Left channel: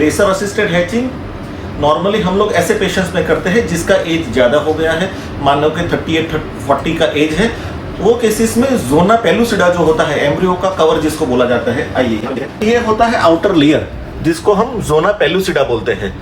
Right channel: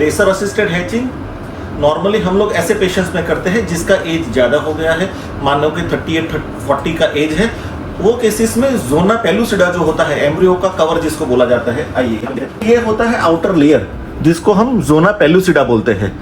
Laser assisted hatching normally हम लोग ऐसे पेशेंट्स में करते हैं जिसका एज ज़्यादा हो गया है, मान लो कि 38-40 का एज है। वो केसेस में जोना पेलुसिडा जो होता है, एम्ब्रियो का कवर जिसको बोला जाता है, आइए ये होता है आउटर लेयर जिसको हम जोना पेलुसिडा बोलते हैं।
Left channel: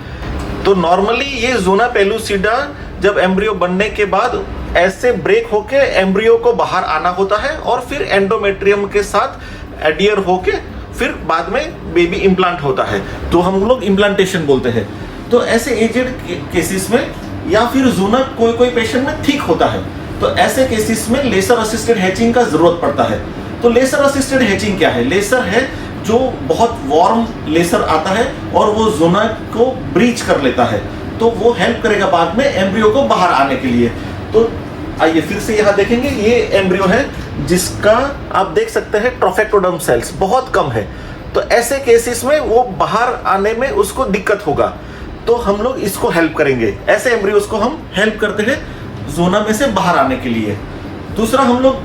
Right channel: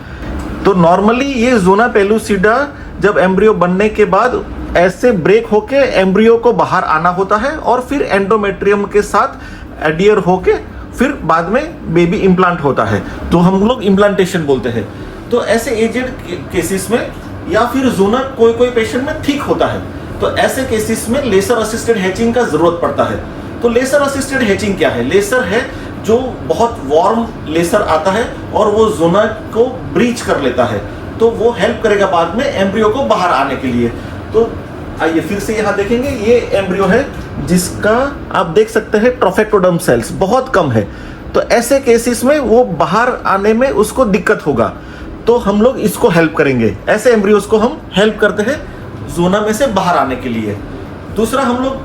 तो नॉर्मली ये जोना पेलुसिडा जब एम्ब्रियो बनने के बाद ऐसे ब्रेक होके एम्ब्रियो को बाहर आना होता है और फिर एंडोमेट्रियम के साथ एडियर होके फिर बाद में बेबी इम्प्लांट होता है, तो हम लोग इम्प्लांटेशन बोलते हैं। तो ऐसे एजेड केसेस में या फिर जोना कोई पेशेंट में ठीक होता है, तो ऐसे केसेस में लेसर असिस्टेड हैचिंग का जरूरत पड़ता है। तो लेसर असिस्टेड हैचिंग क्या है? लेसर है जो बहुत वार्म लेसर आता है और वो जोना को ब्रीच कर लेता है, तो वो हेल्प करेगा बाद में एम्ब्रियो को बाहर आने के लिए। तो आइए फिर से यहाँ देखेंगे, ये एम्ब्रियो है जिसका आप देख सकते हैं ट्रोफेक्टोडर्म सेल्स बहुत कम है। तो ऐसे केसेस में वो बाहर आने में उसको दिक्कत होगा, तो हम लोग इसको हेल्प करेंगे। ऐसे एम्ब्रियोस को हम हेल्प करते हैं जोना में से बाहर आने के लिए। दूसरा हम लोग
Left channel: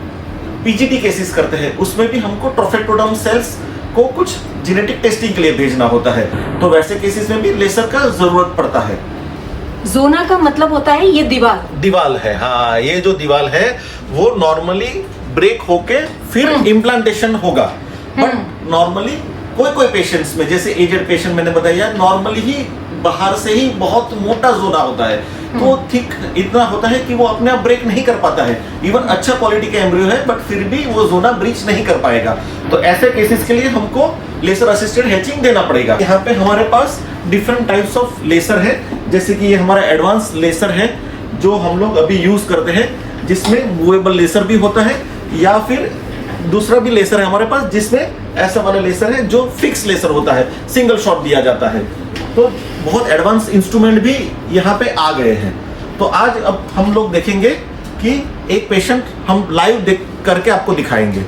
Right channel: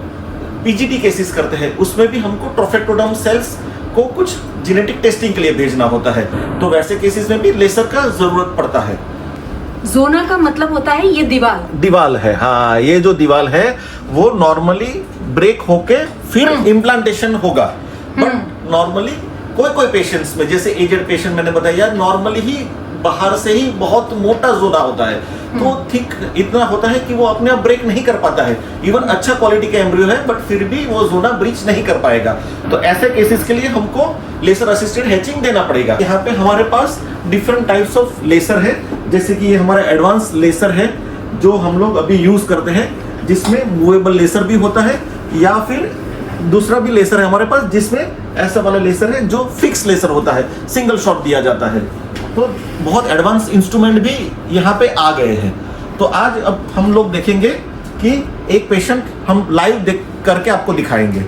पीजीटी केसेस करते हैं, उसमें भी हमको ट्रोफेक्टोडर्म सेल्स को कुछ जेनेटिक टेस्टिंग के लिए भेजना होता है, तो वैसे केसेस में भी लेसर का जरूरत पड़ता है। जोना का मतलब होता है ये दीवाल है, हाँ, ये जो दीवाल है वो नॉर्मली ब्रेक होके फिर इम्प्लांटेशन होगा। बट नॉर्मली कोई पेशेंट्स में, जैसे एजेड पेशेंट मैंने बताया, नॉर्मली ही बाहर से ही बहुत मोटा जोना होता है, तो ठीक इतना होता है कि वो अपने आप ब्रेक नहीं कर पाता है। इवन अच्छा क्वालिटी का एम्ब्रियो है बट फिर भी वो जोना ब्रीच नहीं कर पाएगा। तो ऐसे केसेस के लिए हमको लेसर असिस्टेड हैचिंग देना पड़ेगा। यहाँ पे हमारे पास डिफरेंट टाइप्स ऑफ लेसर है, जैसे कि ये हमारा एडवांस लेसर है जो हम लोग अभी यूज करते हैं, जिसमें मूवेबल लेसर भी होता है, या फिर दूसरा भी लेसर है हमारे पास जिसमें ऐसा वाला लेसर है जो फिक्स लेसर होता है, सिंगल शॉट दिया जाता है। तो बहुत एडवांस इंस्ट्रूमेंट भी यहाँ पे आ गए हैं। तो आज अब हम लोग देखेंगे कि एक पेशेंट हम लाइव देख करके आपको दिखाएंगे।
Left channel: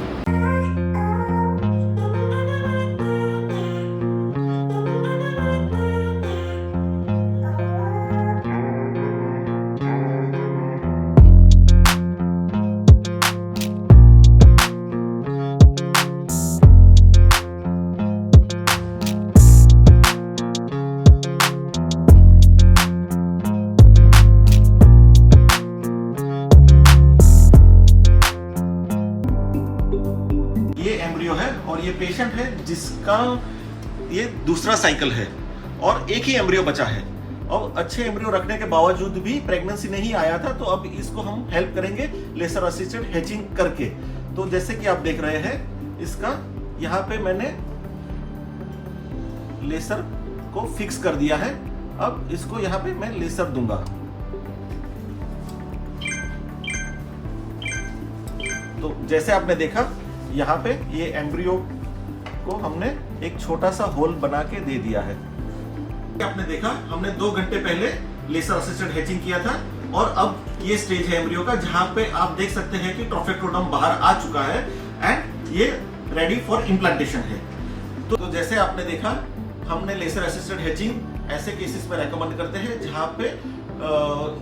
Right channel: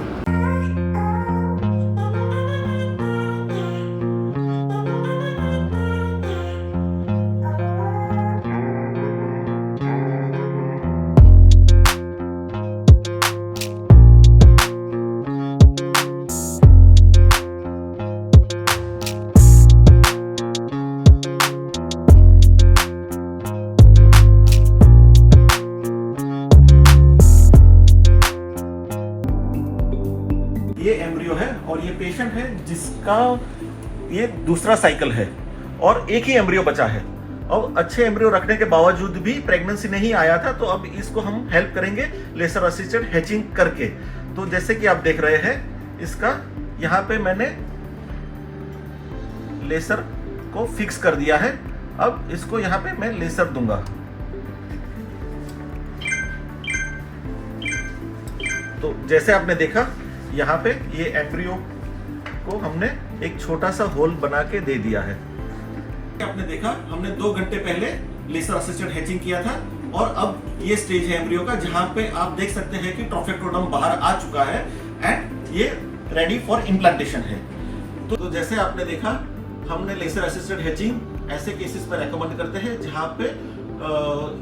ये एम्ब्रियो है और ये पेशेंट है जिसका ये दूसरा साइकिल है और एक ही एम्ब्रियो बचा है। अब अच्छे एम्ब्रियो रखने के बावजूद भी प्रेगनेंसी नहीं आया था, तो अब इसको हम हेल्प करेंगे लेसर असिस्टेड हैचिंग करके। तो जैसे कि आप देख रहे हैं, इसका यहाँ पे मैंने लेसर को फिक्स कर दिया है। अब इसको यहाँ पे मैं लेसर दूंगा। तो जैसे आपने देखा, यहाँ पे ये एम्ब्रियो को हमने एक छोटा सा होल बना के दे दिया है। आपने देखा, हमने 2 घंटे पहले लेसर असिस्टेड हैचिंग किया था और अब ये स्टेज है एम्ब्रियो का जहां पे आप देख सकते हैं कि ट्रोफेक्टोडर्म बाहर आ चुका है एंड ये रेडी फॉर इम्प्लांटेशन है। तो जैसे आपने देखा, हमने लेसर असिस्टेड हैचिंग ऐसे केसेस में रेकमेंड करते हैं जहां पे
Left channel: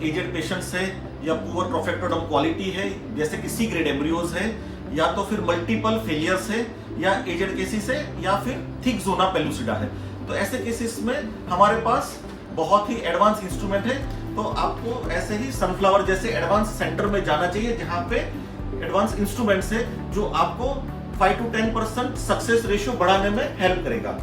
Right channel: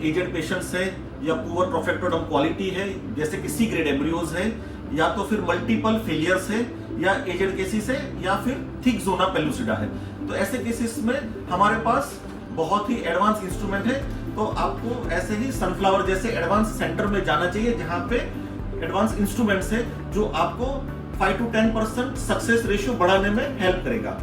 एजेड पेशेंट्स है या पुअर ट्रोफेक्टोडर्म क्वालिटी है, जैसे कि सी ग्रेड एम्ब्रियोज है, या तो फिर मल्टीपल फेलियर्स है, या एजेड केसेस है, या फिर थिक जोना पेलुसिडा है। तो ऐसे केसेस में हमारे पास बहुत ही एडवांस इंस्ट्रूमेंट है। तो आपको ऐसे ही सनफ्लावर जैसे एडवांस सेंटर में जाना चाहिए जहां पे एडवांस इंस्ट्रूमेंट्स है जो आपको 5 to 10% सक्सेस रेशियो बढ़ाने में हेल्प करेगा।